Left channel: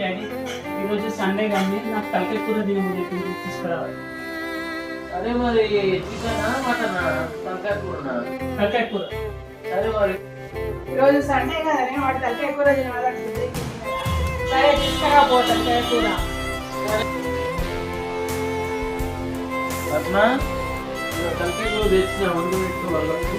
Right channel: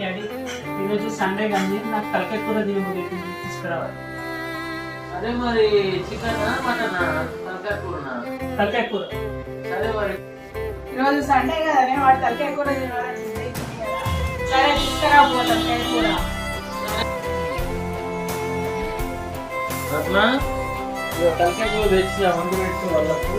Daddy ఈరోజు Sunday కానీ నాకు తలకాయ కూర తినబోదు తీసుకురావాలి. అదే మరి చికెన్ మటన్ తలకాయ కూర. తలకాయ కూర. సరే మరి ఈరోజు సండే కదా వాడు తలకాయ కూర తినాలని సరే తీసుకురాబో తలకాయ కూర. పద్మ తలకాయ కూర తెచ్చి ముందు పెట్టు వాళ్ళకు.